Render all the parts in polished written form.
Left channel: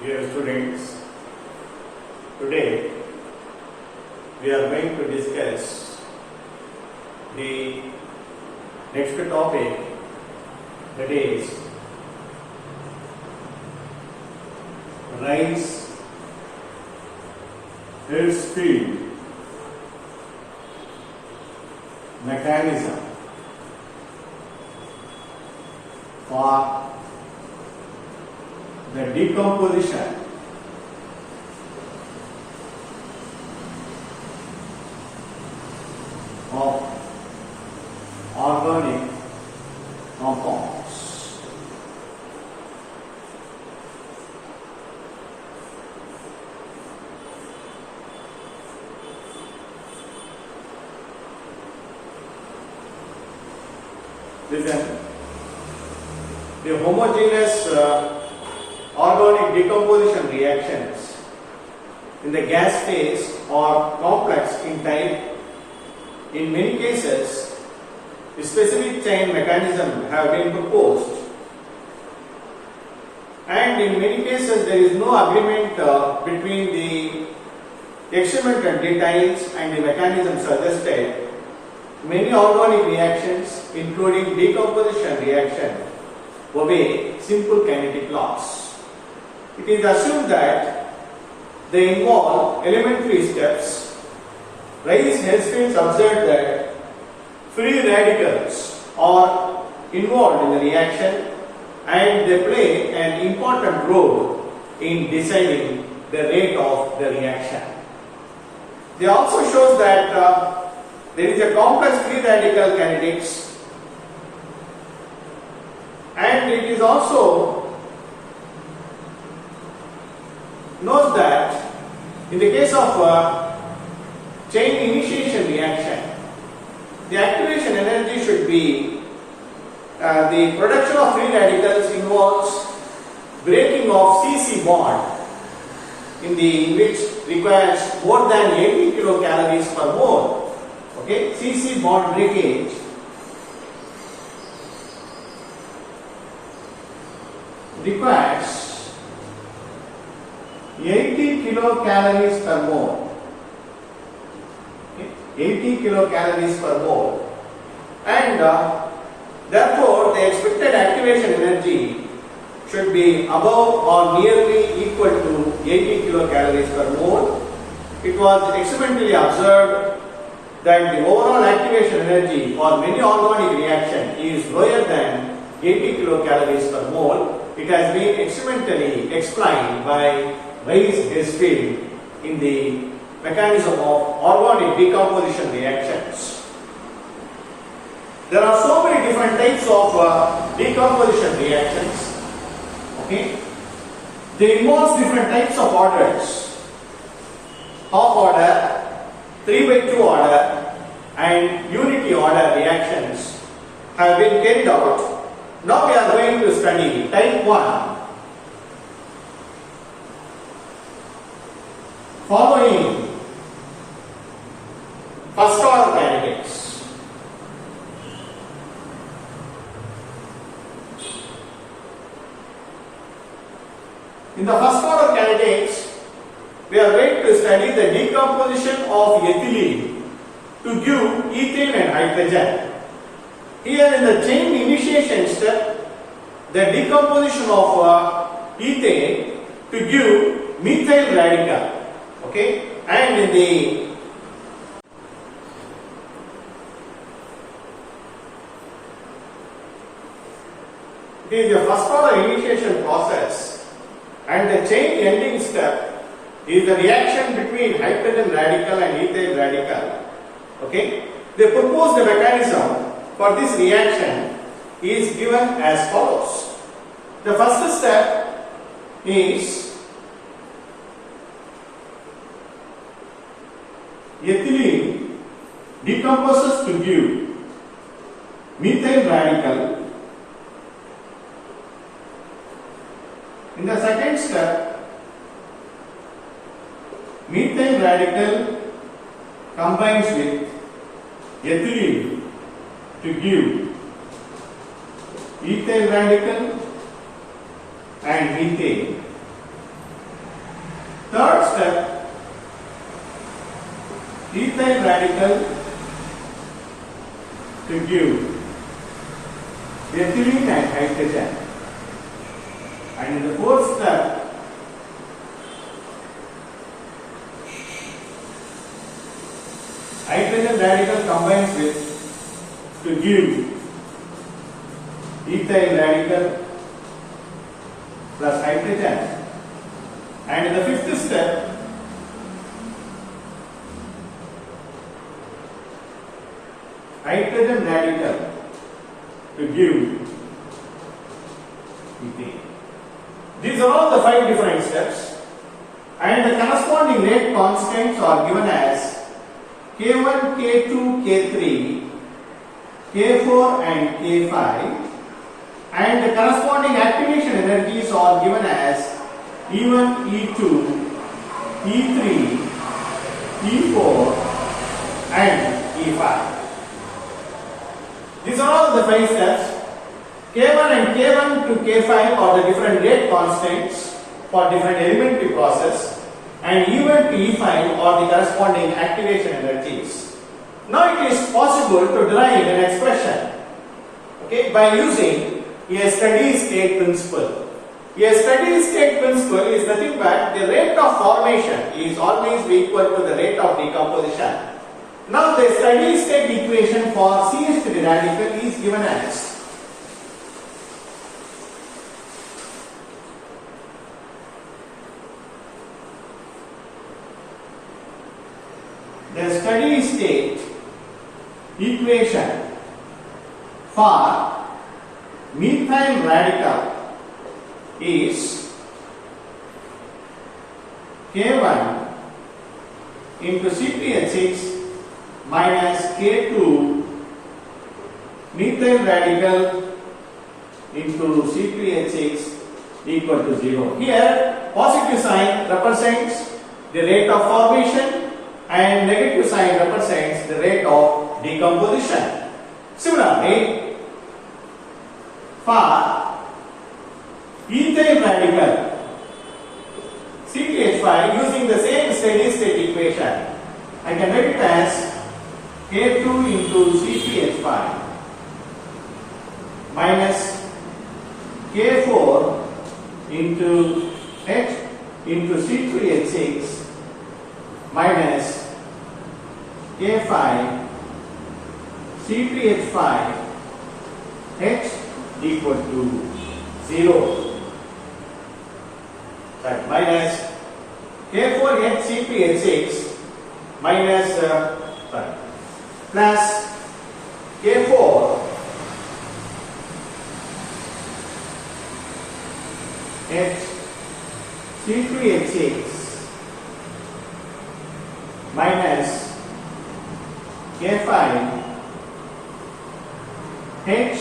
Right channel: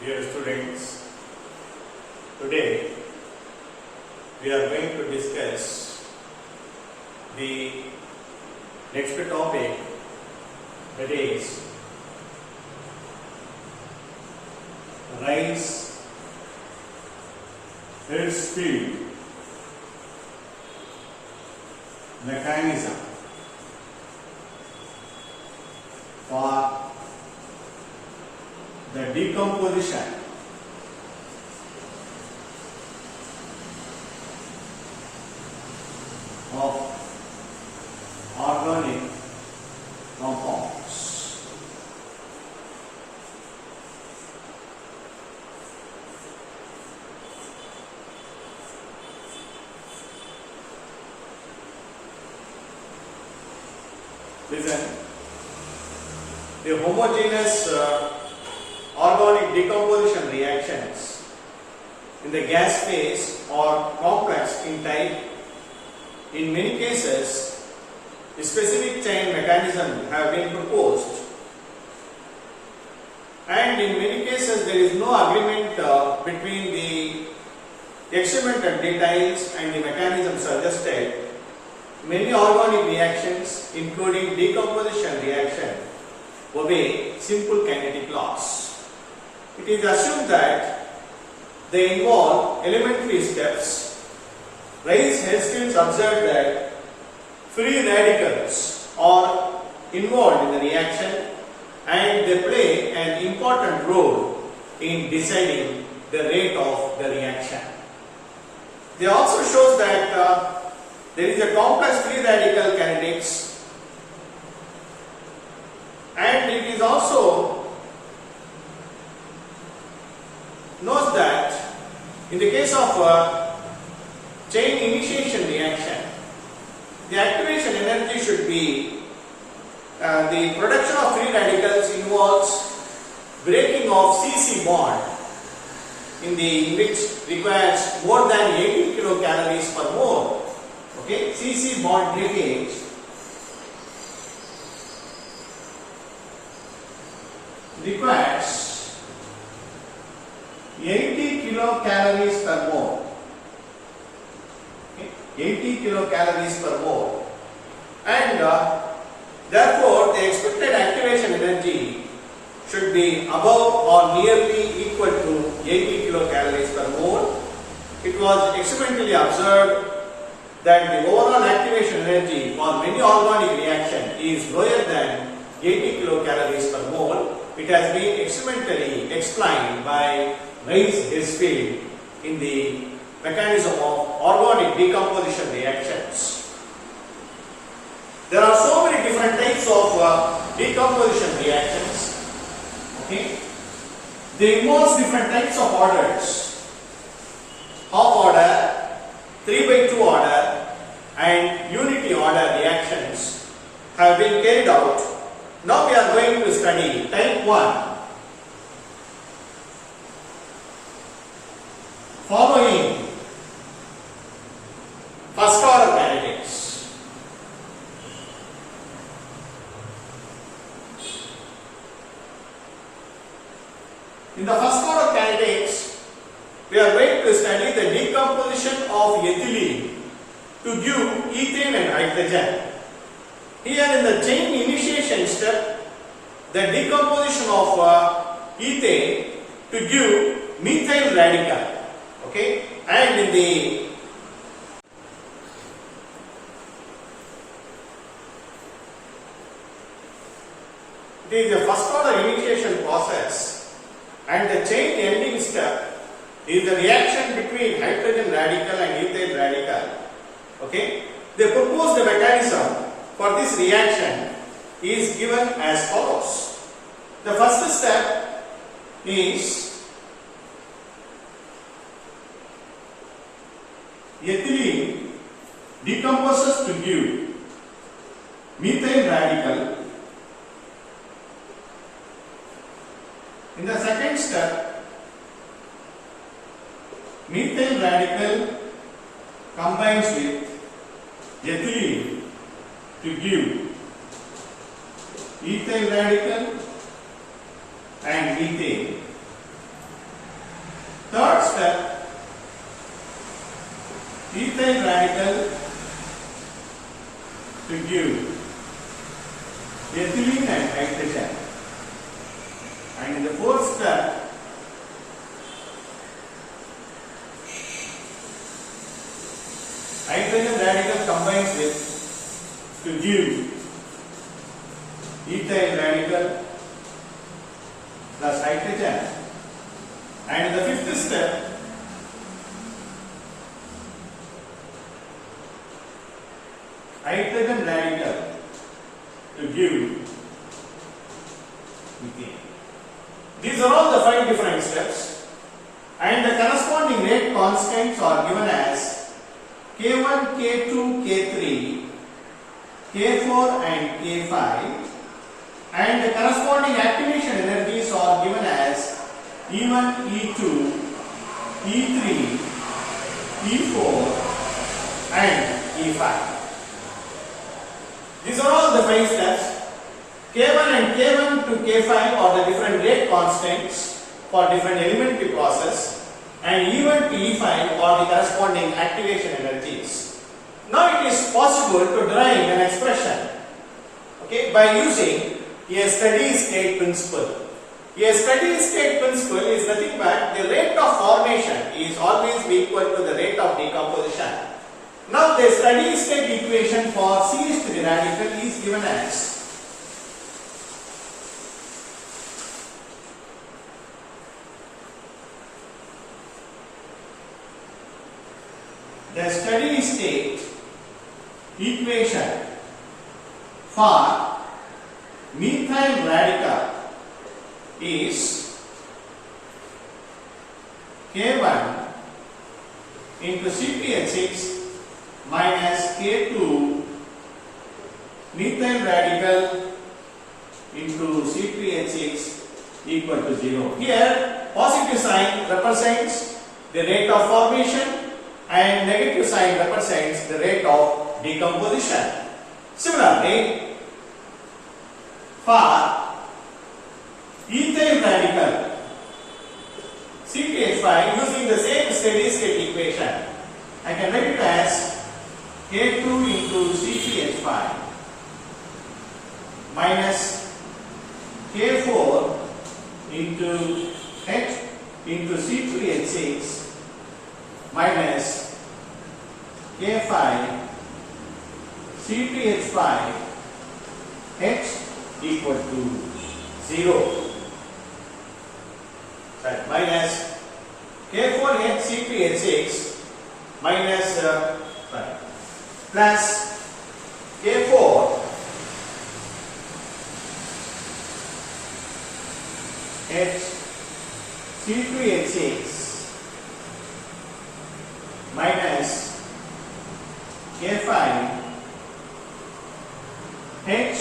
Dear students, today we are going to discuss the next topic, that is Rice Hillsfield mechanism for the decomposition of organic compounds. Listen, the homogeneous organic decomposition reactions in the gas phase are complex in type. In many cases, a specific chain mechanism have been proposed, and in many cases there is no agreement between the experimental details and the mechanism suggested. Many organic reactions, including decomposition reaction, obey simple kinetic laws. It is assumed that they involve elementary steps. Rice-Hillsfield observed that free radicals are involved in the reaction and they play an important role in deciding the rate of the reaction. They also show that there is a complex free radical kinetics, and it is also knows that in the case of chain initiation reaction, the activation energy should be the production of free radicals involves breaking of CC bond in which requires more than 80 kilocalories per mole. Okay, CC bond breakage requires 80 kilocalories per mole. Okay, 80 kilocalories per mole, and therefore the expected activation energy should be above or nearly equal to 80 kilocalories per mole. It was experimentally observed that the overall activation energy for many organic reaction is lower than 80 kilocalories per mole. It has been experimentally explained by Rice-Hillsfield in the mechanism of organic decomposition reactions. There are so many different types of decomposition reactions. Okay, they involve different types of orders: half order, 3/2 order, and unity order reactions have been carried out. Now we are going to study type 1. Following first order kinetics. In the first order kinetics, we are going to study the decomposition of ethylene to give ethane and hydrogen. Here in the chain initiation step, the decomposition of ethane to give methyl radical. Okay, and in the it is the first order initiation process, and the chain ending step is the reaction between hydrogen radical and ethyl radical. Okay, they propose the mechanism for this reaction is given as follows. The first step is ethylene decomposes to give methyl radical. In the second step, methyl radical combines with ethylene to give ethyl radical and methane. Third step, ethyl radical to give ethylene and hydrogen. And in the fourth step, hydrogen radical combines with to give ethyl radical plus hydrogen. And in the fifth step, hydrogen radical to give methane. These are all the 5 different steps, and the corresponding rate constants are given as K1, K2, K3, K4 and K5, and the corresponding activation energies are given as E1, E2, E3, E4 and E5. These are all the 5 steps. K1 and K1 to K5 are the different rate constants for different elementary process, and E1 to E5 are the corresponding activation energies. Now it is possible to derive an expression, okay, by using a steady state principle. A steady state principle is nothing but the rate of formation is always equal to the rate of decomposition. Now the steady state equation for CH3 radical is given as the steady state equation for methyl radical is K1 into CpH6 minus K2 methyl radical into CpH6 equal to 0. Here positive sign represents the rate of formation and negative sign represents the rate of decomposition. Similarly, for ethyl radical CpH5 using the same steady state equation, I can write it as K2 into CpH5 minus K4 into H into C3H6 minus K5 C3H5 H equal to 0. Minus K4H CpH6 minus plus K4 H C2H6 minus K5 H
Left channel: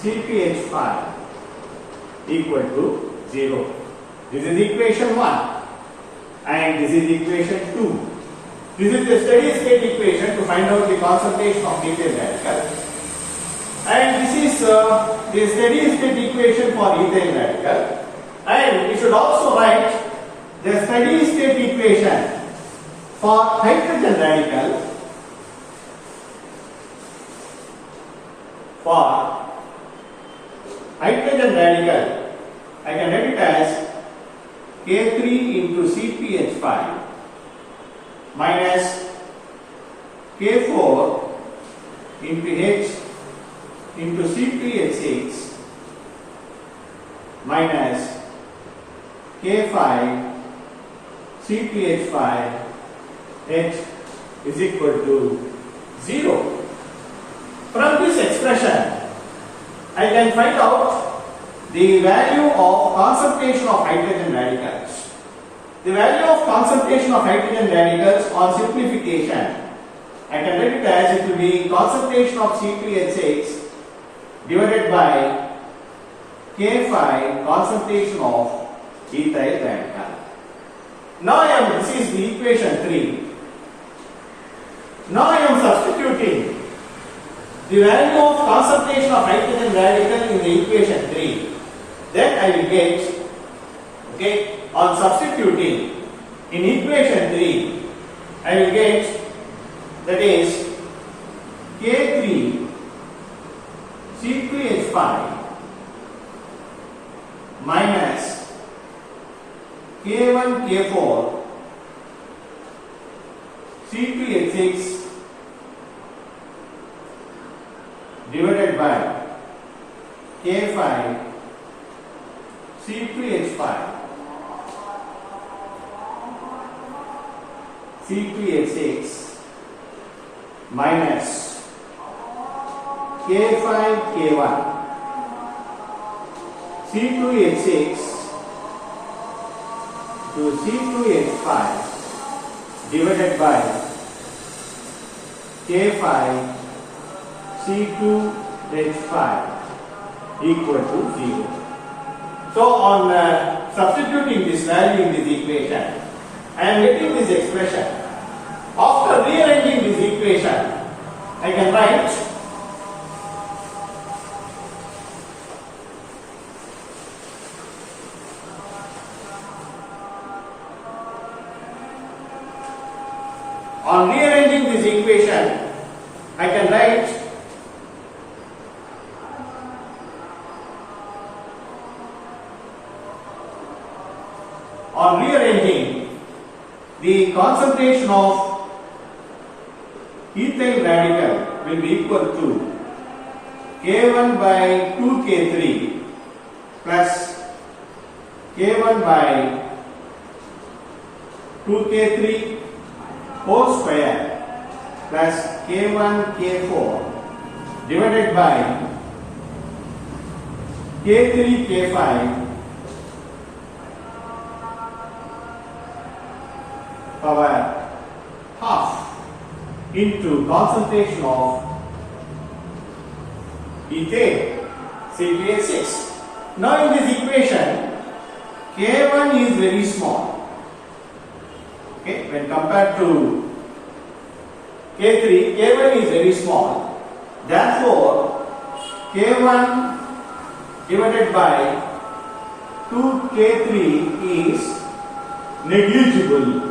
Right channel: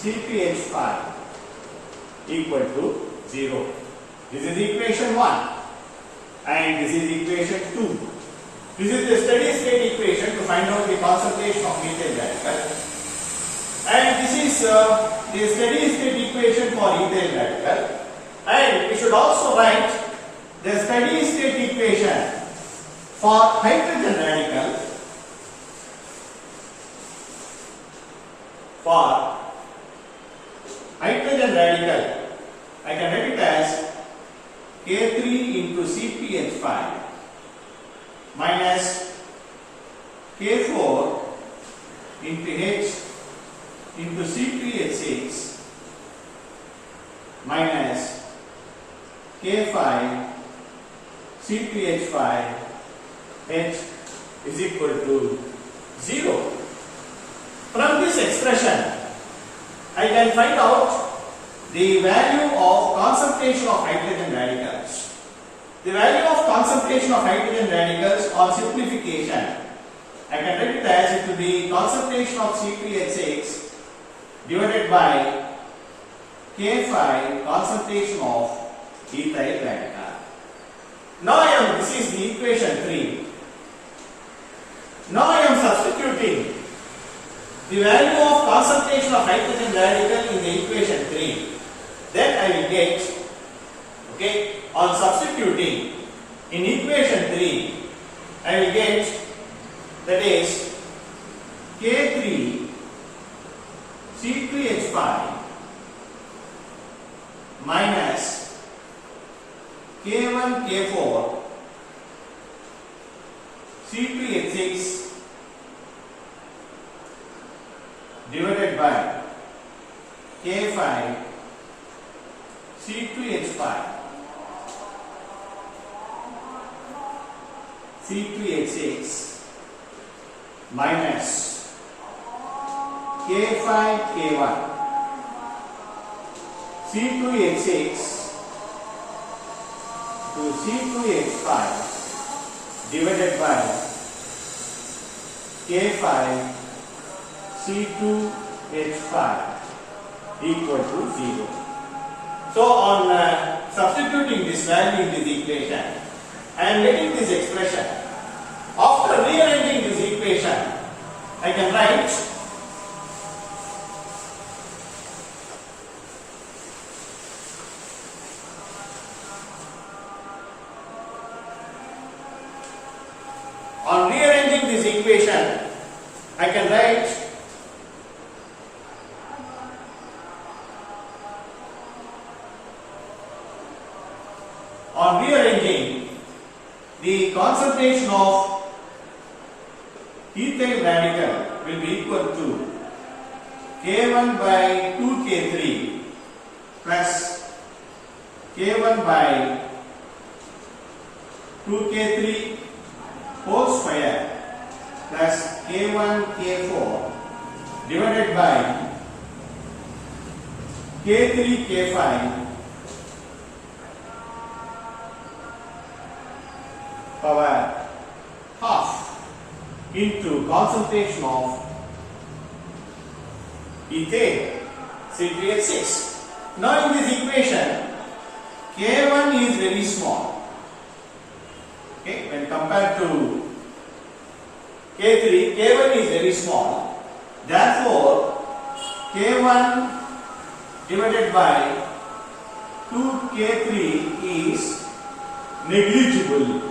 CpH5 equal to 0. This is equation 1 and this is equation 2. This is the steady state equation to find out the concentration of methyl radical, and this is the steady state equation for ethyl radical, and we should also write the steady state equation for hydrogen radical. For hydrogen radical, I can write it as K3 into CpH5 minus K4 into H into CpH6 minus K5 CpH5 H is equal to 0. From this expression, I can find out the value of concentration of hydrogen radicals. The value of concentration of hydrogen radicals on simplification, I can write it as it will be concentration of CpH6 divided by K5 concentration of ethyl radical. Now this is the equation 3. Now I am substituting the value of concentration of hydrogen radical in the equation 3. Then I will get, okay, on substituting in equation 3, I will get, that is K3 C2H5 minus K1 K4 C2H6 divided by K5 C2H5 C2H6 minus K5 K1 C2H6 to C2H5 divided by K5 C2H5 equal to 0. So on substituting this value in this equation, I am getting this expression. After rearranging this equation, I can write on rearranging the concentration of ethyl radical will be equal to K1 by 2K3 plus K1 by 2K3 whole square plus K1 K4 divided by K3 K5 power half into concentration of ethane CpH6. Now in this equation K1 is very small, okay, when compared to K3, K1 is very small, therefore K1 divided by 2K3 is negligible.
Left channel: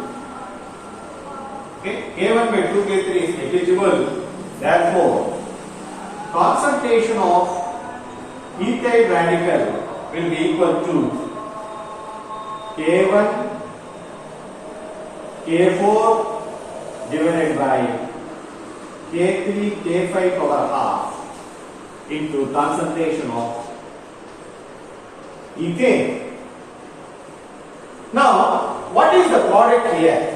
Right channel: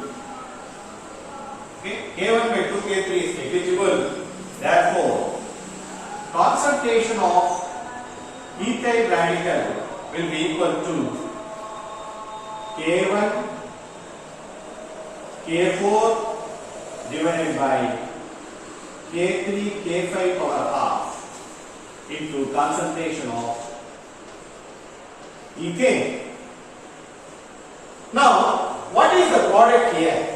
Okay, K1 by 2K3 is negligible, therefore concentration of ethyl radical will be equal to K1 K4 divided by K3 K5 power half into concentration of ethane. Now what is the product here?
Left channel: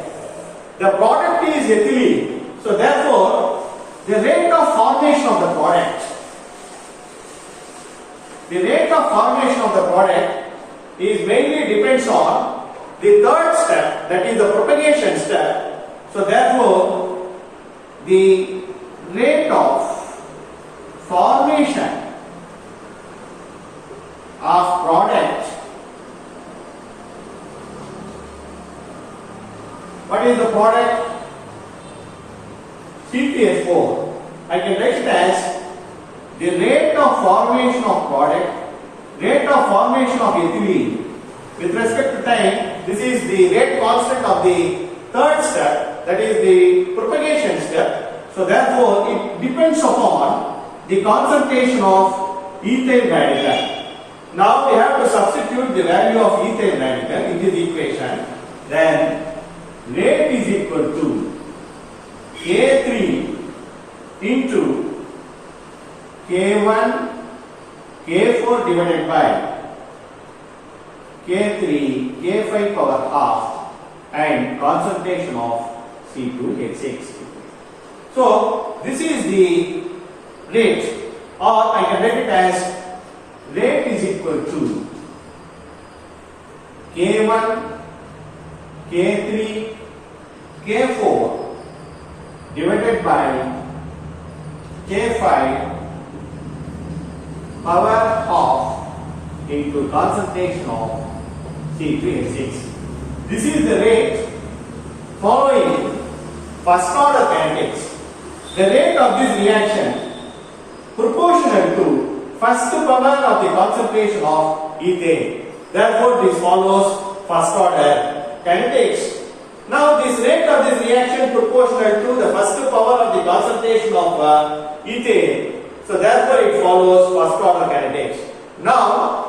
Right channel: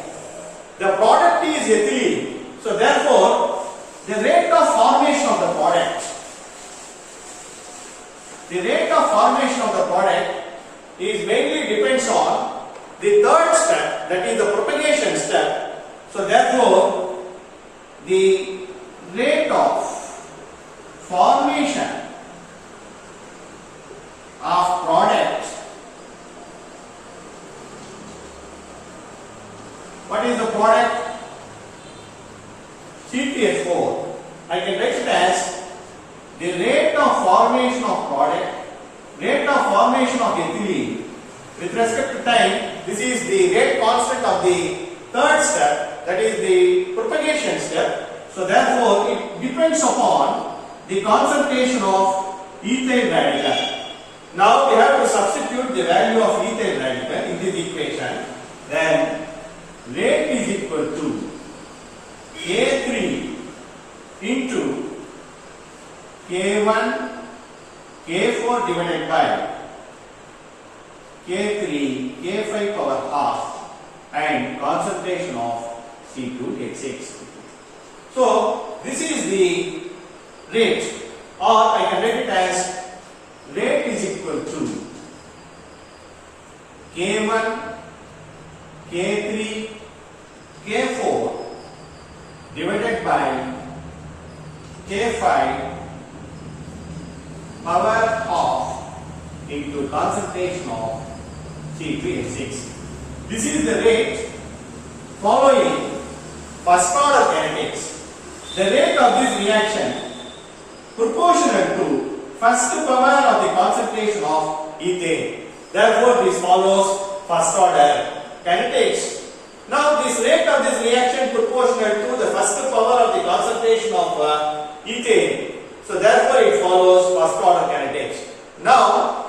The product is ethylene. So therefore, the rate of formation of the product, is mainly depends on the third step, that is the propagation step. So therefore, the rate of formation of product, what is the product? CpH4. I can write it as the rate of formation of product, rate of formation of ethylene with respect to time. This is the rate constant of the third step, that is the propagation step. So therefore it depends upon the concentration of ethyl radical. Now we have to substitute the value of ethyl radical in this equation. Then rate is equal to K3 into K1 K4 divided by K3 K5 power half and concentration of C2H6. So this is the rate, or I can write it as rate is equal to K1 K3 K4 divided by K5 power half into concentration of C2H6. This is the rate following first order kinetics. The rate of this reaction proportional to first power of the concentration of ethane. Therefore, this follows first order kinetics. Now this rate of this reaction proportional to the first power of the concentration of ethane. So therefore it follows first order kinetics. Now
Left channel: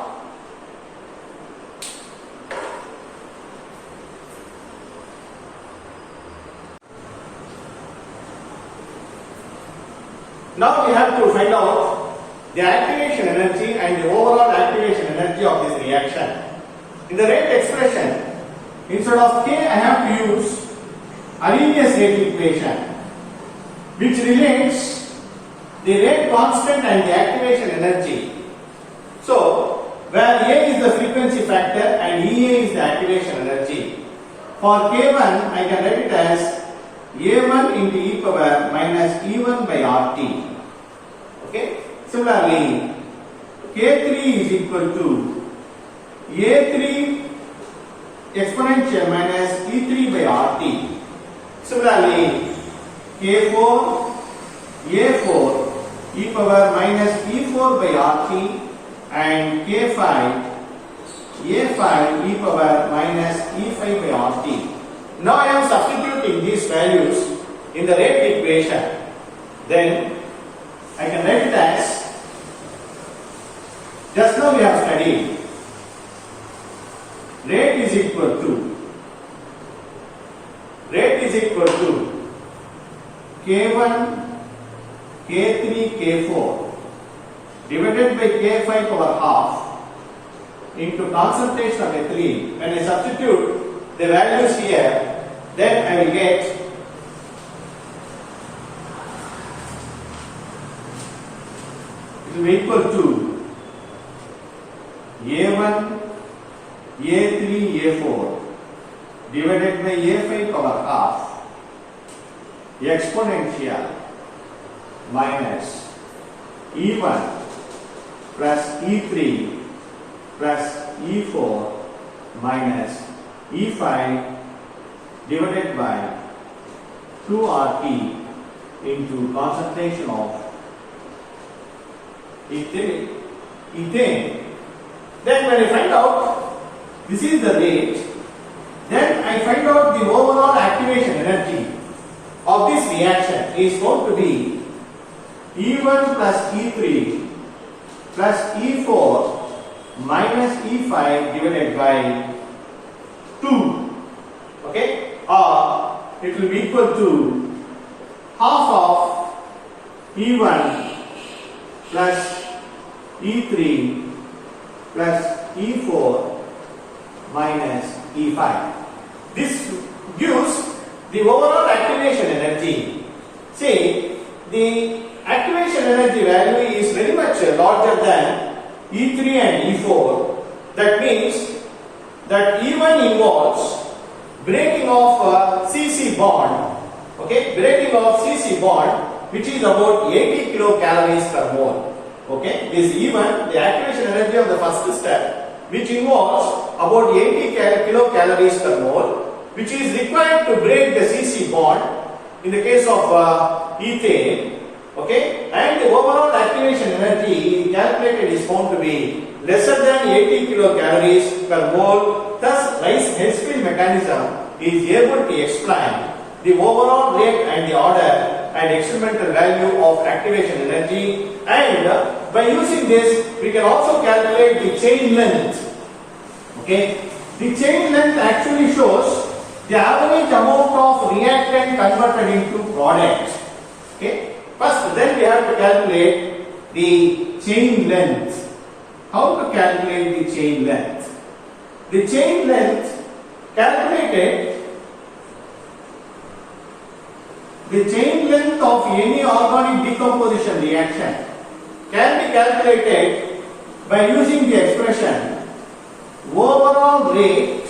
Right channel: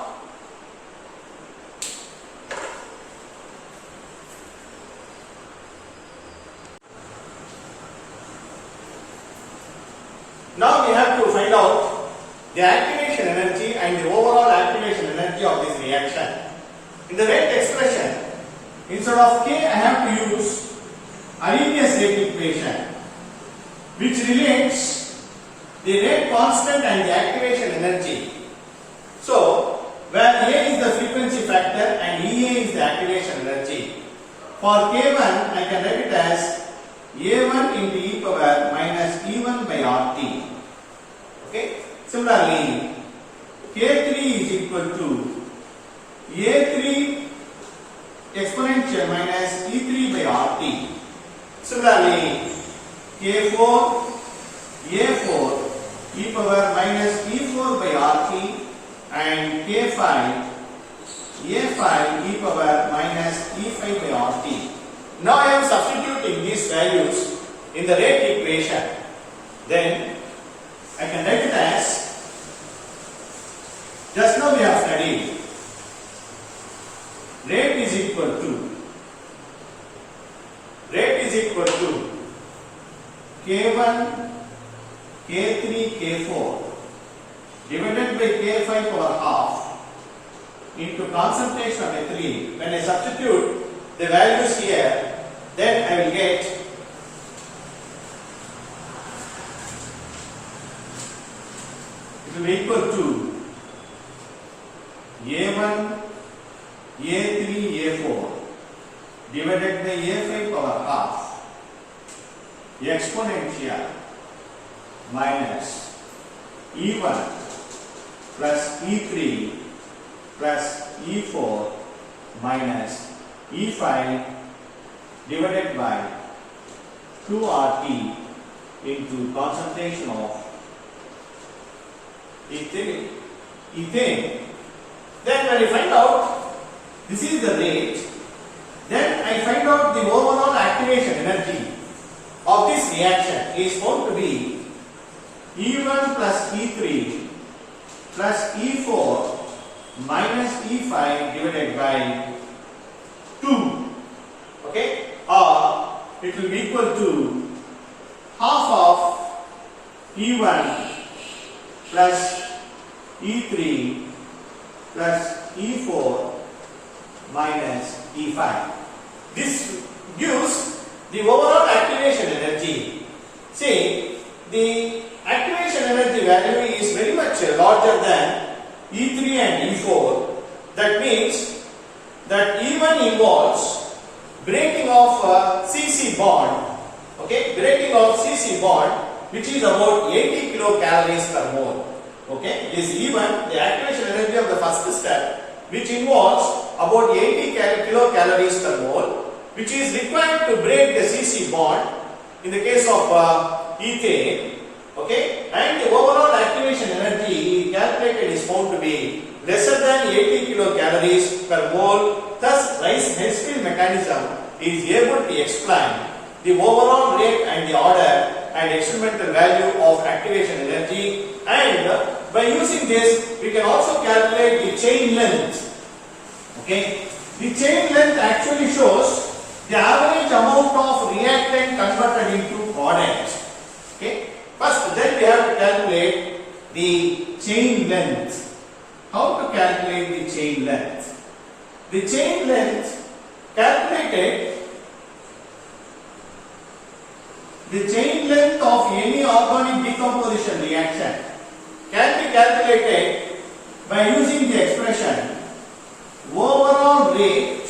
we have to find out the activation energy and the overall activation energy of this reaction. In the rate expression, instead of K I have to use Arrhenius rate equation, which relates the rate constant and the activation energy. So, where A is the frequency factor and EA is the activation energy. For K1, I can write it as A1 into e power minus E1 by RT. Okay. Similarly, K3 is equal to A3 exponential minus E3 by RT. Similarly, K4 A4 e power minus E4 by RT and K5 A5 e power minus E5 by RT. Now I am substituting these values in the rate equation. Then I can write it as, just now we have studied, rate is equal to K1, K3, K4 divided by K5 power half into concentration of ethylene. When I substitute the values here, then I will get it will be equal to A1, A3, A4 divided by A5 power half exponential minus E1 plus E3 plus E4 minus E5 divided by 2RT into concentration of ethane. Then when I find out this is the rate, then I find out the overall activation energy of this reaction is found to be E1 plus E3 plus E4 minus E5 divided by 2. Okay? Or it will be equal to half of E1 plus E3 plus E4 minus E5. This gives the overall activation energy. See, the activation energy value is very much larger than E3 and E4. That means that E1 involves breaking of CC bond. Okay, breaking of CC bond, which is about 80 kilocalories per mole. Okay, this E1, the activation energy of the first step, which involves about 80 kilocalories per mole, which is required to break the CC bond in the case of ethane. Okay, and the overall activation energy calculated is found to be lesser than 80 kilocalories per mole. Thus, Rice-Hesfield mechanism is able to explain the overall rate and the order and experimental value of activation energy, and by using this we can also calculate the chain length. Okay, the chain length actually shows the average amount of reactant converted into product. Okay, first then we have to calculate the chain length. How to calculate the chain length? The chain length calculated. The chain length of any organic decomposition reaction can be calculated by using the expression overall rate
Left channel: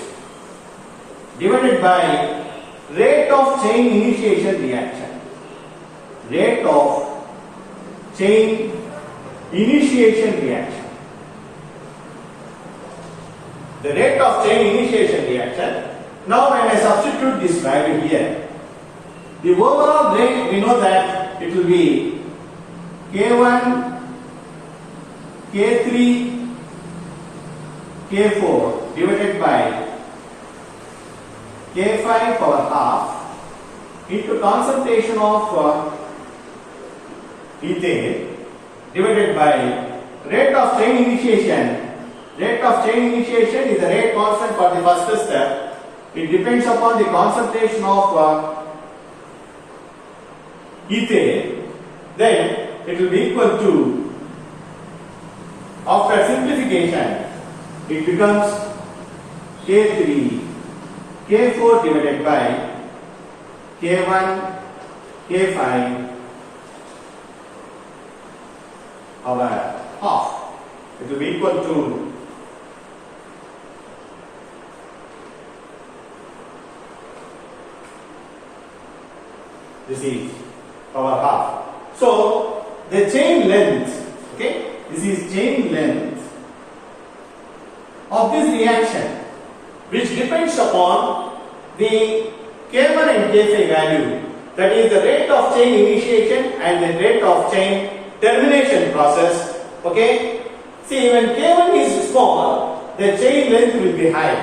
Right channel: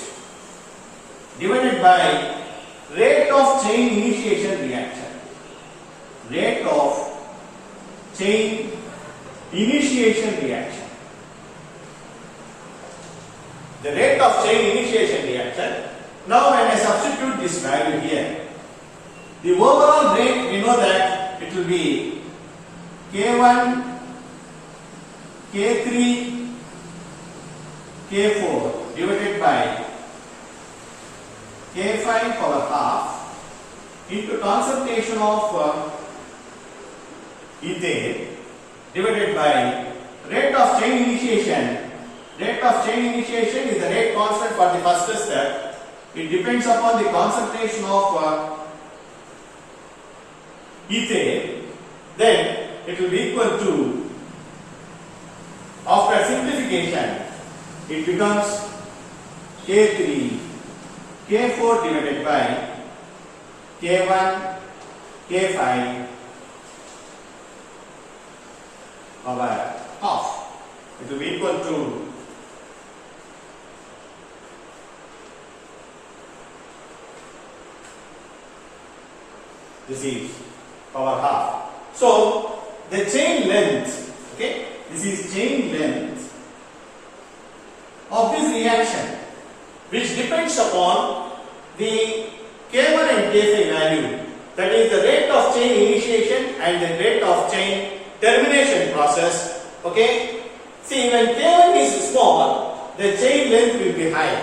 divided by rate of chain initiation reaction. Rate of chain initiation reaction. The rate of chain initiation reaction. Now when I substitute this value here, the overall rate, we know that it will be K1, K3, K4 divided by K5 power half into concentration of ethane divided by rate of chain initiation. Rate of chain initiation is the rate constant for the first step. It depends upon the concentration of ethane. Then it will be equal to, after simplification, it becomes K3, K4 divided by K1, K5 power half. It will be equal to this is power half. So the chain length, okay, this is chain length of this reaction, which depends upon the K1 and K5 value, that is the rate of chain initiation and the rate of chain termination process. Okay, see, when K1 is small, the chain length will be high.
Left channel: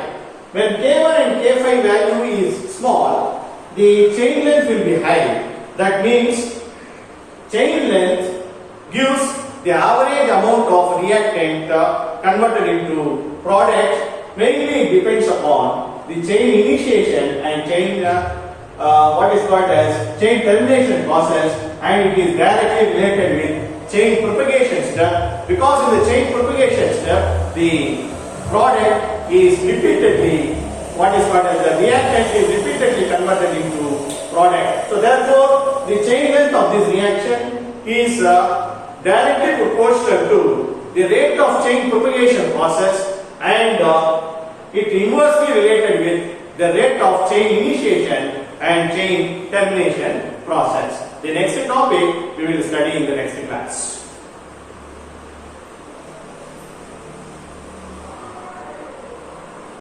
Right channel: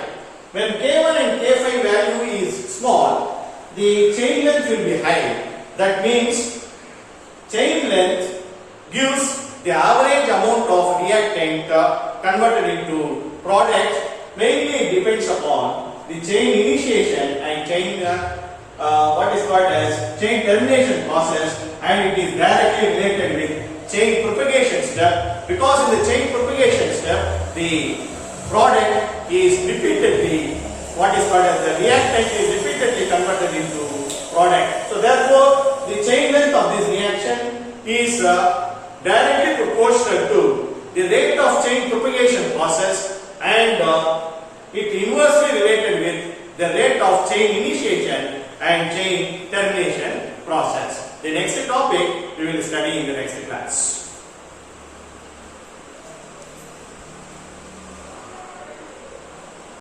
When K1 and K5 value is small, the chain length will be high. That means chain length gives the average amount of reactant converted into product. Mainly it depends upon the chain initiation and chain what is called as chain termination process, and it is directly related with chain propagation step, because in the chain propagation step the product is repeatedly, what is called as the reactant is repeatedly converted into product. So therefore the chain length of this reaction is directly proportional to the rate of chain propagation process, and it inversely related with the rate of chain initiation and chain termination process. The next topic we will study in the next class.